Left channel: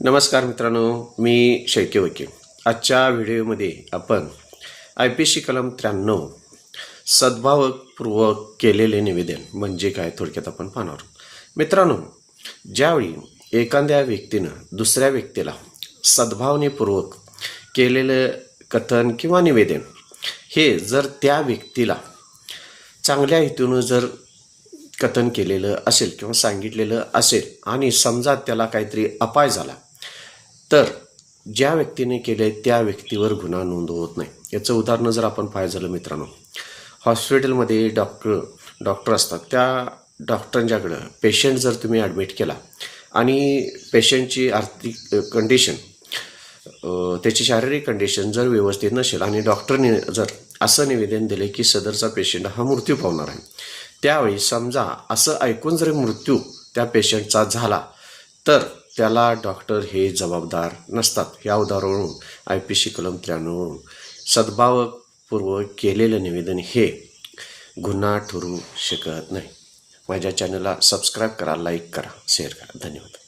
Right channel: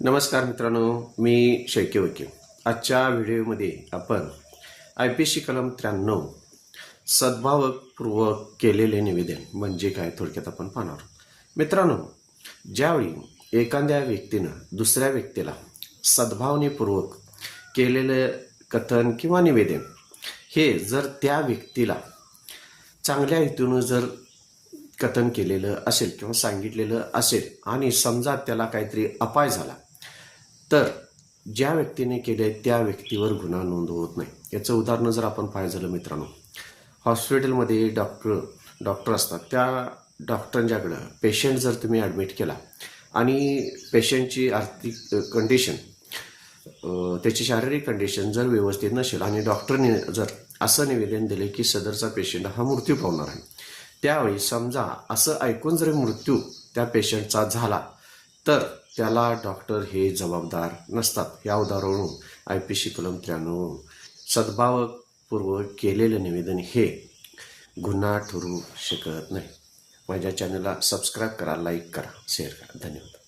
नमस्कार मित्रांनो, मी शेळके वकील. आजच्या व्हिडिओमध्ये आपण IPC कलम 93 सद्भावपूर्वक केलेले निवेदन म्हणजे काय थोडक्यात आपण पाहणार आहोत. मित्रांनो, ज्यावेळी एखाद्या व्यक्तीनं दुसऱ्या व्यक्तीला सद्भावनेपूर्वक केलेलं कथन किंवा निवेदन हे जर त्या व्यक्तीला चांगल्या हेतूनं जर कथन केलेलं असेल किंवा सांगितलेलं असेल आणि समजा त्याला काहीतरी अपाय झाला तर ज्या व्यक्तीने केले त्या व्यक्तीवर गुन्हा नोंद होत नाही. याचं उदाहरण जर आपण पाहायचं झालं मित्रांनो, हॉस्पिटलमध्ये डॉक्टर असतात. त्या डॉक्टरांच्याकडं पेशंट जर तुम्ही ॲडमिट केला आणि पेशंटची आर्थिक कंडिशन त्याची शारीरिक कंडिशन जर व्यवस्थित नसेल आणि डॉक्टरने जर असं निवेदन दिले की सदरचा पेशंट हा मृत्यू पावणार आहे, त्यावेळी समजा असं ऐकून जर मृत्यू त्या पेशंटचा झाला तर त्याला डॉक्टर हे जबाबदार नसतात. या उदाहरणावरून IPC कलम 93 सद्भावपूर्वक केलेलं निवेदन हे गुन्हा ठरू शकत नाही. माझ्या चॅनलला सबस्क्राईब करा, लाईक करा, शेअर करा. धन्यवाद.